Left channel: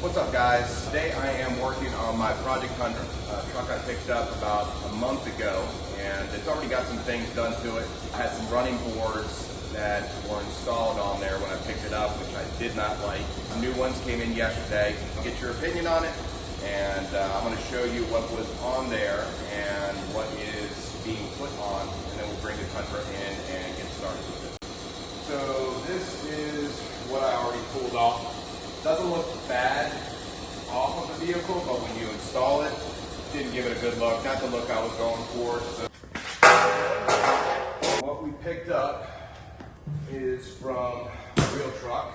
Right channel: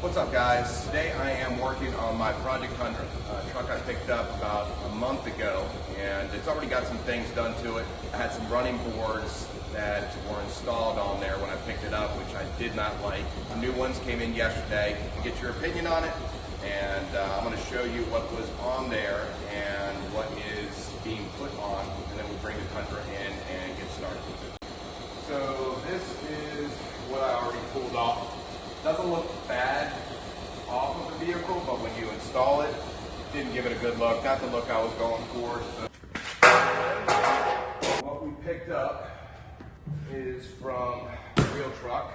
What's up, guys? Today I am working on my Project Tundra, a truck I picked up about a month ago, and it's already got some things done to it. I had some running boards that were installed on there when I picked it up, which I did not like. The new ones came in yesterday. Get your opinion on it, and I'm going to show you what was on there and what is being put on, and then we'll bring the Tundra in and get started with it. So this is what I already pulled off. Doesn't look bad off of the vehicle, but when you install it, didn't give it a good look. Not the look I was going for. So what we picked up is from the wheel truck.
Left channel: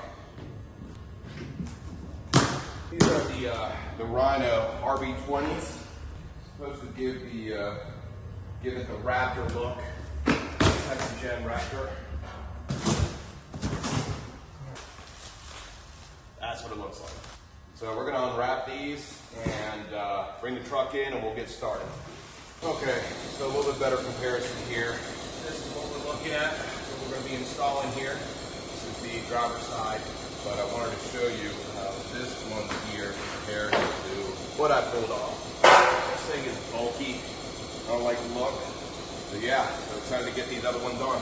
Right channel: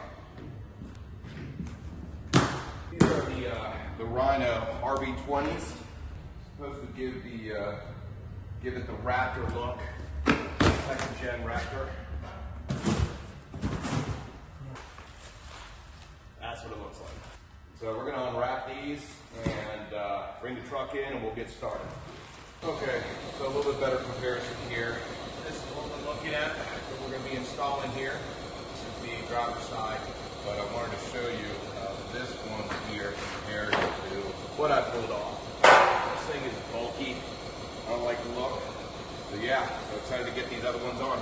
These are the Rhino RB20s. Supposed to give it the Raptor look, second gen Raptor. That's what it looks like. So we're going to unwrap these and bring the truck in and we'll get started. Okay, so a little bit better comparison here. This is what we're looking at, what we're going to be installing here. This is the driver's side, but I wanted to show you how this one here compares to what I pulled off. This thing is bulky. I don't like the look. So yeah, so excited to get these other ones on.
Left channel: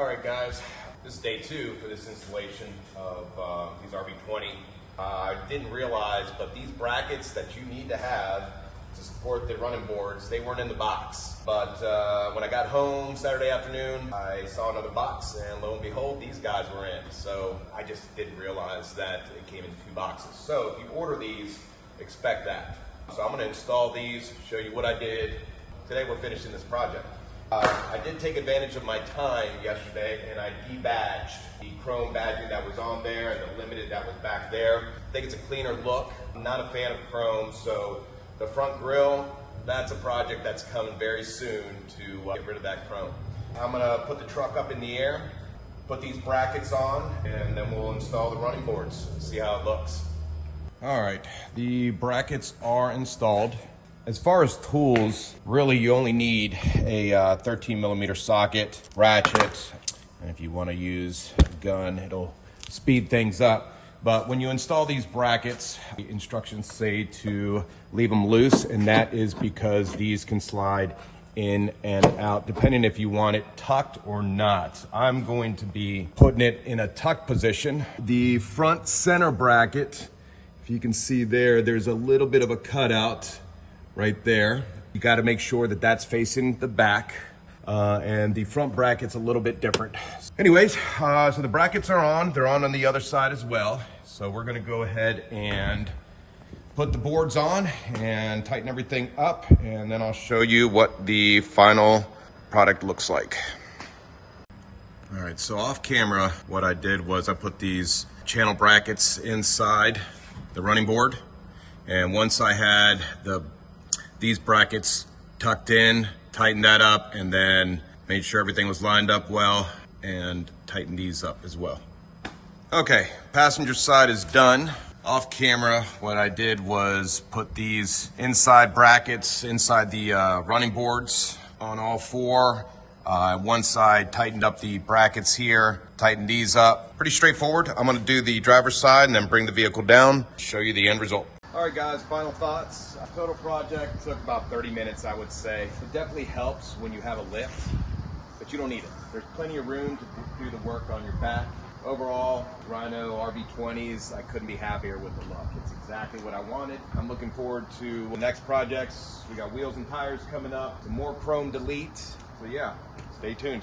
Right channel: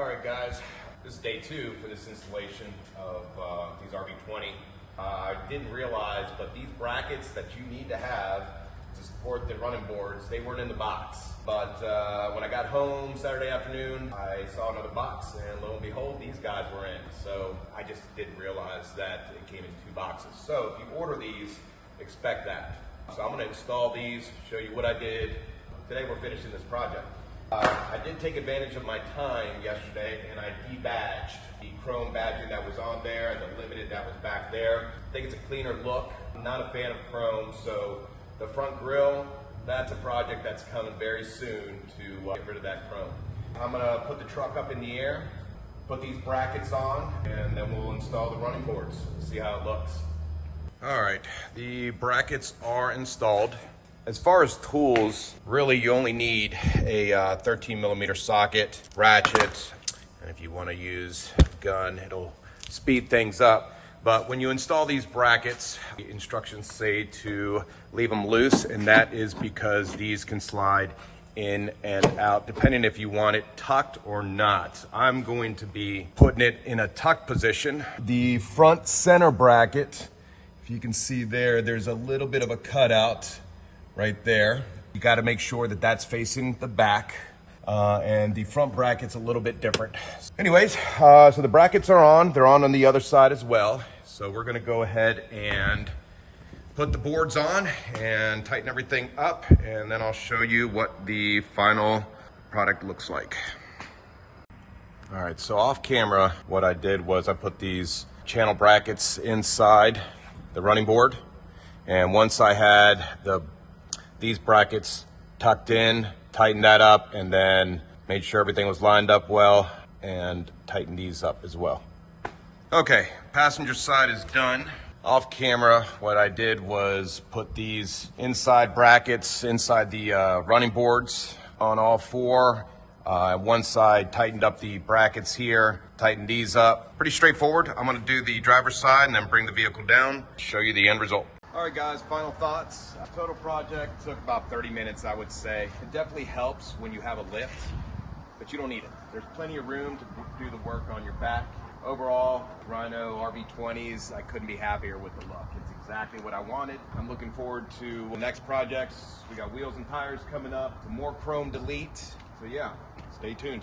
All right, guys. This is day 2 for this installation of these RB20. I didn't realize, but these brackets that you need to have to support the running boards, they weren't in the box. But when I got home Saturday afternoon, I saw another box, and lo and behold, these guys were in. So I just didn't realize that it came in 2 boxes. So if you order these, expect that. So I'm going to install these, show you what I did. Today we're finishing this project. I did take advantage of my time yesterday and I debadged the chrome badging that was on there and the limited that was back there. I think it's a cleaner look. I'm not a fan of chrome, so the front grille, that's a project that's coming very soon to get rid of that chrome. I'm gonna put the truck up in the air, put these brackets on, and then we'll install the running boards and see how it looks. All right, the brackets are installed. As far as tools, really you only need a 13mm socket, ratchet, and if you want to use a gun, it'll speed things up. But when you install these brackets, the instructions say to leave them loose, and that is because these can slide in and out, depending if you want it tucked or not. I'm going to be putting it in a tucked position. The front center bracket, if you can see there, there's a little bit of a cutout right there. You got to make sure that that's facing the back, and the front bracket's a little bit different. Anyways, so the brackets are on. They're on the other side as well. So we're going to go ahead and put the boards on and tighten everything up, and then I'll show you what the final product looks like. All right, so off camera, what I did was I put these channel brackets inside the running board, and once I had these brackets tucked in, tightened that up, and then made sure everything was lined up well and tightened these up as well. Okay, passenger side is done. Off camera, what I did was put these inside brackets inside the running boards on all 4. One side tightened up the brackets here, tightened these up. Pretty straightforward. I'm gonna do the driver's side and then bring the vehicle down, show you the end result. All right, guys, final thoughts. Total project took about 30 minutes, I would say. It definitely helps when you have a lift, but you don't need it. There's plenty of room to do the work on your back. Overall, Rhino RB20s, I couldn't be happier with the look. It's exactly what I wanted. I'm looking forward to the next projects. We got wheels and tires coming up, some more chrome delete. So yeah, stay tuned.